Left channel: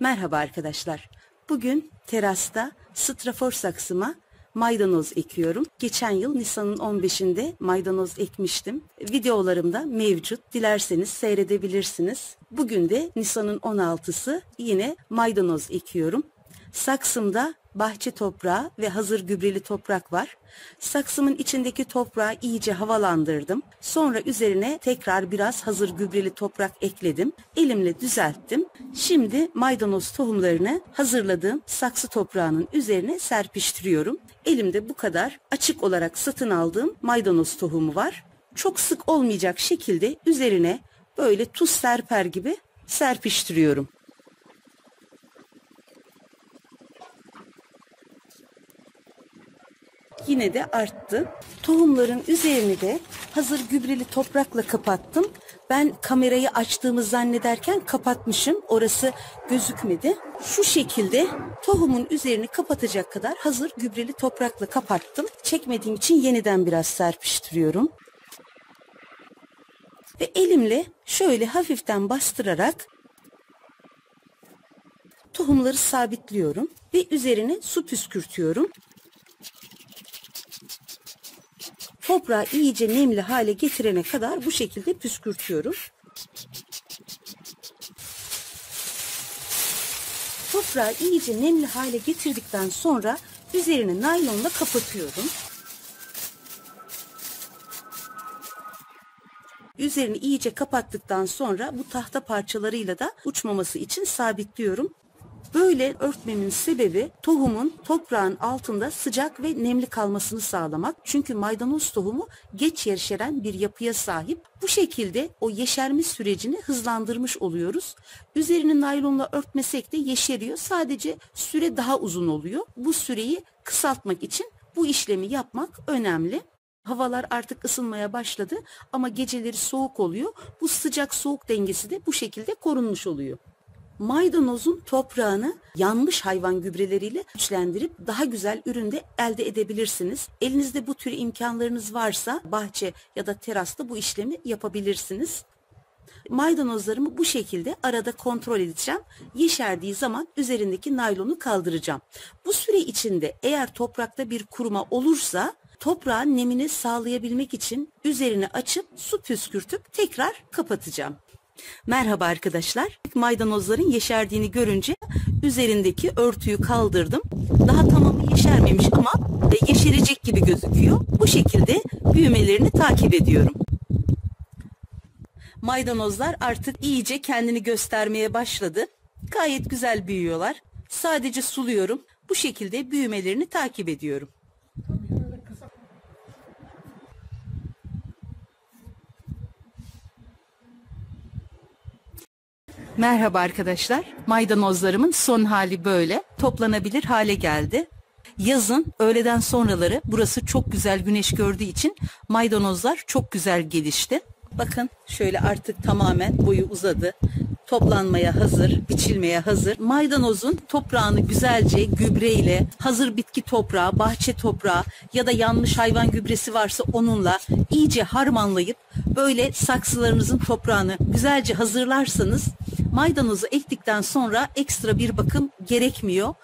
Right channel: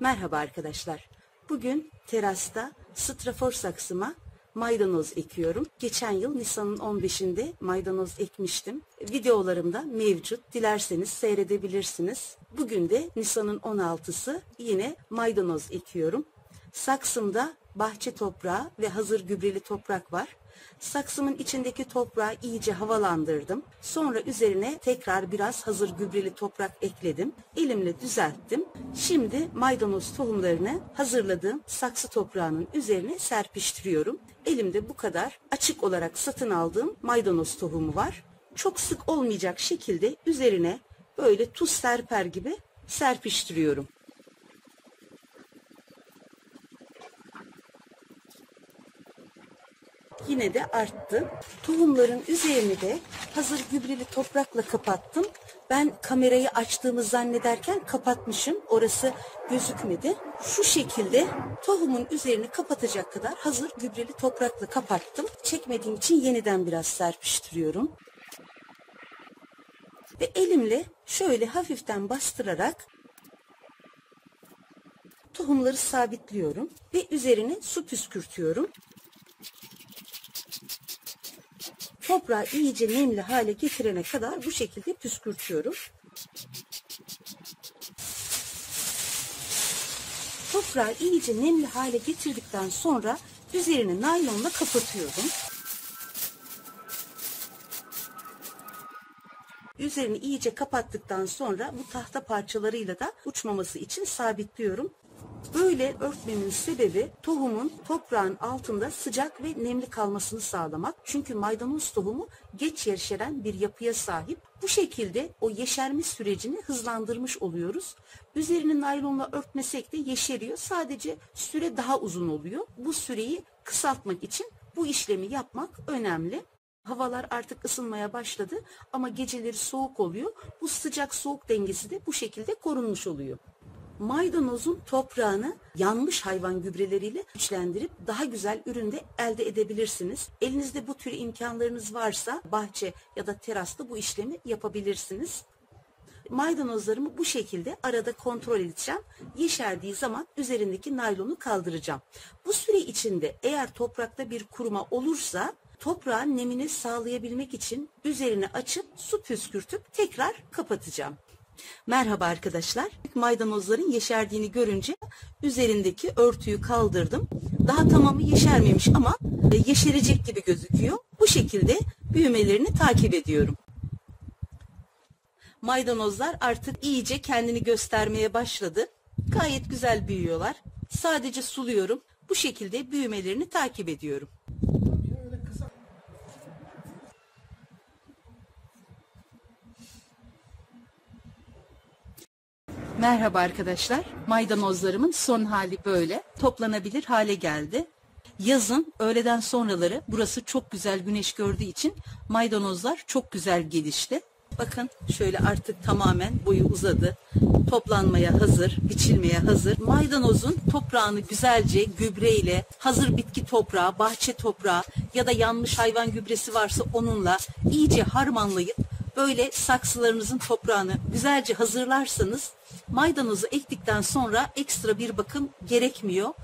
Merhaba arkadaşlar. Bugün terasta strafor saksıma maydanoz ekiyorum. Geçen yıl Nisan'ın 15'inde maydanoz ekmiştim. Videolarımda mevcut. Dilerseniz seyredebilirsiniz. Bugün de Nisan'ın 16'sı yine maydanoz ekiyorum. Saksımda bahçe toprağı ve hazır gübreli toprak var. Saksımın içindeki toprağı iyice havalandırdım. Sonra üzerine tekrar biraz hazır gübreli toprak ekledim. Elimle düzelttim. Şimdi maydanoz tohumlarını hazırladığım saksı toprağının üzerine serpiştiriyorum. Elimde bu kadar açık olarak satın aldığım maydanoz tohumu var. Çok sık olmayacak şekilde üzerine böyle tuz serper gibi serpiştiriyorum. Yine de arttı. Tohumların üzerini de hazır gübreli toprakla kapattım. Ben kamerayı açtığımı zannederken kapatmışım. Orası gözükmedi. Şu şekilde tohumun üzerini kapatacak kadar hazır gübreli toprakla kapattım. Çekmediğim için yeniden biraz serpiştiriyorum. Ve elimle şöyle hafiften bastırarak tohumları sabitliyorum ve üzerine su püskürtüyorum. Toprağı iyice nemli hale getirene kadar bu şekilde püskürtüyorum. Toprağı iyice nemli hale getirdikten sonra üzerini naylonla kapatıyorum. Üzerini iyice kapattıktan sonra bu tahta parçalarıyla da uçmaması için sabitliyorum. Böyle örtmemin sebebi tohumun toprağın altında sıcak ve nemli kalmasını sağlamak. Çünkü maydanoz tohumu geç yeşeren bir yapıya sahip. Bu şekilde o yeşerme sürecini hızlandırmış oluyoruz. Üzerini naylonla örtmesek de yeşeriyor. Sadece süre daha uzun oluyor. Bu süreyi kısaltmak için bu işlemi yapmak önemli. Havalar artık ısınmaya başladı ama geceleri soğuk oluyor. Bu sıcak soğuk dengesi de bu şekilde korunmuş oluyor. Maydanozun toprağını yanmış hayvan gübreleriyle güçlendirip daha güzel ürün de elde edebilirsiniz. Elinizde bu tür imkanlarınız varsa bahçe ya da terasta bu işlemi yapabilirsiniz. Maydanozlarımı bu şekilde arada kontrol edeceğim. Yeşerdiği zaman üzerindeki naylonu kaldıracağım. Bu süre içinde eğer toprakta bir kuruma olursa toprağın nemini sağlayabilmek için üzerini açıp su püskürtüp tekrar kapatacağım. Merhaba arkadaşlar. Maydanozların yeşerdiğini görünce üzerindeki örtüyü kaldırdım. Daha tamamı yeşermemiş ama yeşerecek gibi gözüküyor. Bu şekilde büyümelerini takip ediyorum. Maydanozlar artık iyice kendini göstermeye başladı. Gayet güzel büyüyorlar. Sadece suluyorum. Bu şekilde büyümelerini takip ediyorum. Merhaba arkadaşlar. Maydanozlarımın son hali böyle. Toplanabilir hale geldi. Yazın öğleden sonraları burası çok güzel güneş gördüğü için maydanozlar çok güzel gelişti. Bakın şöyle artık tamamen boyu uzadı. Toplanmaya hazır, biçilmeye hazır. Maydanozun toprağını güzelce gübreyle, hazır bitki toprağı, bahçe toprağı ya da yanmış hayvan gübresi varsa onunla iyice harmanlayıp böyle saksılarınızın toprağını güzelce hazırlarsanız maydanozu ektikten sonra ekstra bir bakım gerekmiyor.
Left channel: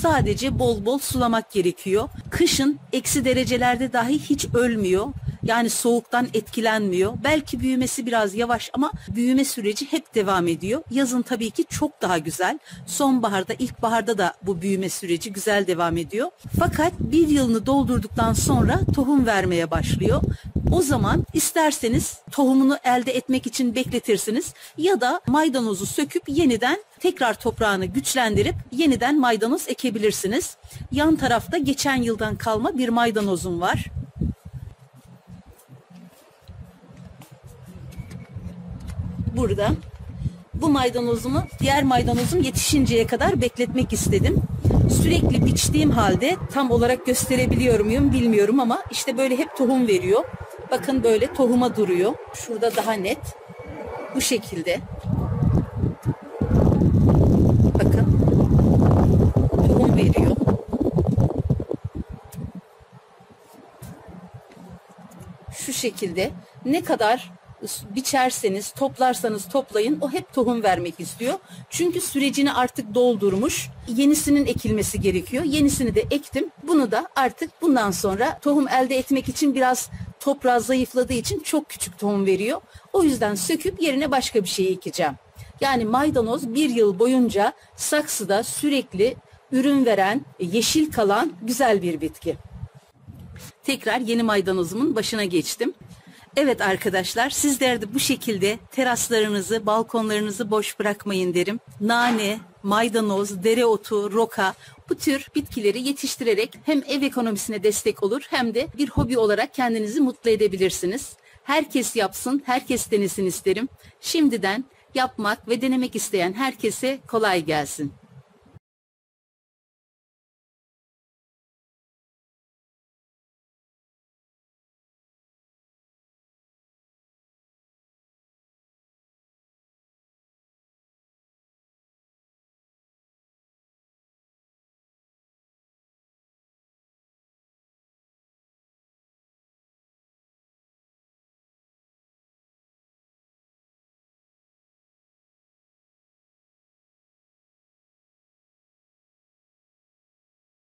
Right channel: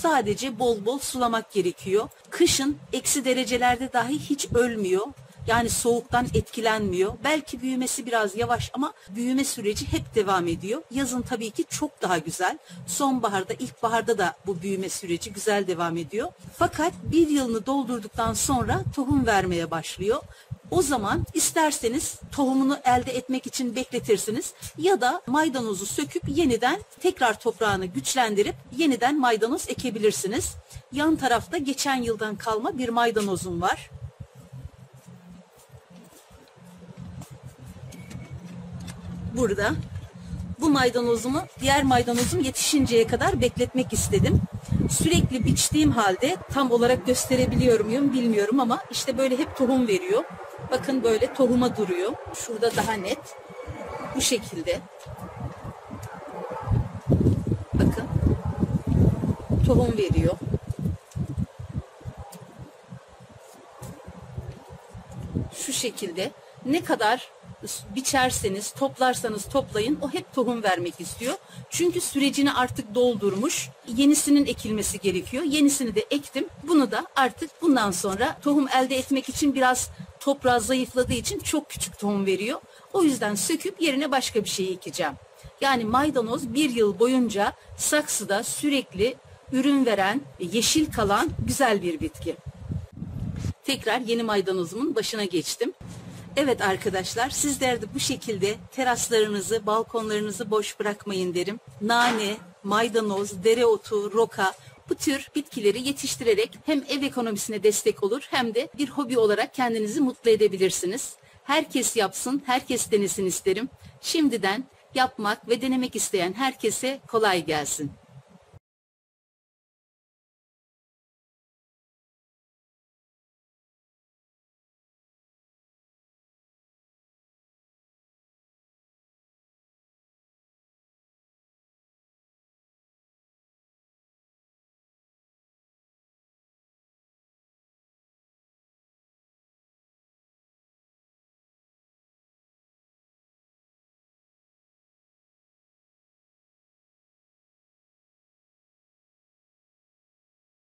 Sadece bol bol sulamak gerekiyor. Kışın eksi derecelerde dahi hiç ölmüyor. Yani soğuktan etkilenmiyor. Belki büyümesi biraz yavaş ama büyüme süreci hep devam ediyor. Yazın tabii ki çok daha güzel. Sonbaharda, ilkbaharda da bu büyüme süreci güzel devam ediyor. Fakat bir yılını doldurduktan sonra tohum vermeye başlıyor. O zaman isterseniz tohumunu elde etmek için bekletirsiniz ya da maydanozu söküp yeniden tekrar toprağını güçlendirip yeniden maydanoz ekebilirsiniz. Yan tarafta geçen yıldan kalma bir maydanozum var. Burada bu maydanozumu diğer maydanozum yetişinceye kadar bekletmek istedim. Sürekli biçtiğim halde tam olarak gösterebiliyor muyum bilmiyorum ama işte böyle hep tohum veriyor. Bakın böyle tohuma duruyor. Şurada daha net. Bu şekilde. Bakın. Tohum veriyor. Şu şekilde. Ne kadar biçerseniz, toplarsanız toplayın, o hep tohum vermek istiyor. Çünkü sürecini artık doldurmuş, yenisinin ekilmesi gerekiyor. Yenisini de ektim. Bunu da artık bundan sonra tohum elde etmek için biraz toprağı zayıfladığı için çok küçük tohum veriyor. O yüzden söküp yerine başka bir şey ekeceğim. Yani maydanoz bir yıl boyunca saksıda sürekli ürün veren, yeşil kalan güzel bir bitki. Tekrar yeni maydanozumun başına geçtim. Evet arkadaşlar, sizler de bu şekilde teraslarınızı, balkonlarınızı boş bırakmayın derim. Nane, maydanoz, dereotu, roka, bu tür bitkileri yetiştirerek hem ev ekonomisine destek olur hem de bir hobi olarak kendinizi mutlu edebilirsiniz. Herkes yapsın, herkes denesin isterim. Şimdiden yapmak ve denemek isteyen herkese kolay gelsin.